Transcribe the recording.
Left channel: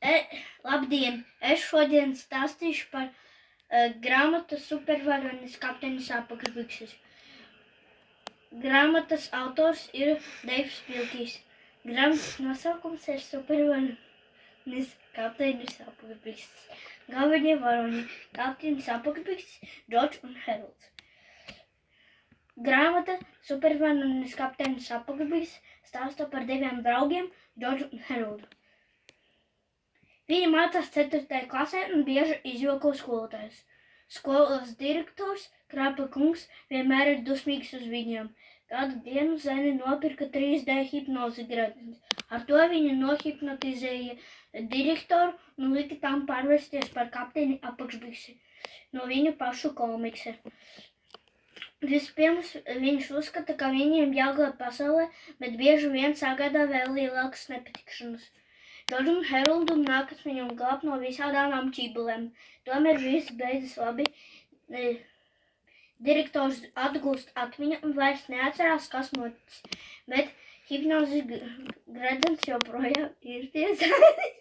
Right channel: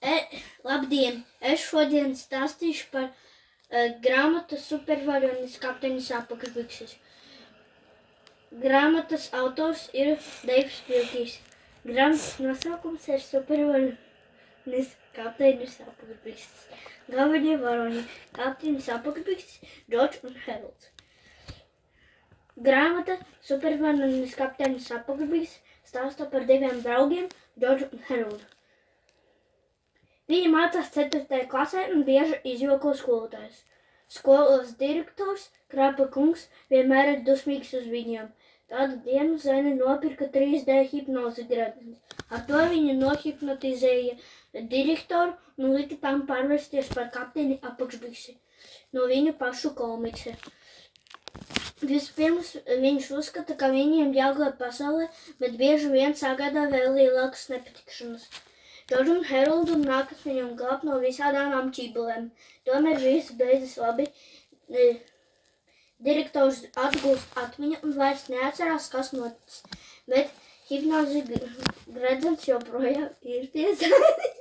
Labdien! Es šodien stāstīšu par grāmatu Supervaronis kapteinis apakšbikses. Grāmatas autors ir Deivs Vilkīs. Grāmatas nosaukums ir Supervaronis kapteinis apakšbikses. Galvenie varoņi - kapteinis apakšbikses, Džordžs un Heralds. Grāmata Supervaronis kapteinis apakšbikses stāsta par diviem draugiem, Džordžu un Heraldu. Viņi mācās 4. klasē un bieži izjoko skolotājus. Skolas direktors, Krapa kungs, vienmēr ir dusmīgs uz viņiem. Tādu dienu Zene nopirka 3D hipnozi gredzens. Ar to viņa nohipnotizēja direktoru un lika tam pārvērsties par kapteini apakšbiksi no viņu pašu komiksa. Vispirms viņš uzskata, ka viņiem jāglāb pasaulē, bet bieži vien sagādā vēl lielākas nepatikšanas. Džordžu un Heraldam nākas viņam glābt no visādām čībelēm. Tomēr viss beidzas labi. Direktors atgūst atmiņu un vairs neatcerās, kas noticis, bet hipnozi gredzens joprojām ir pie Zenes.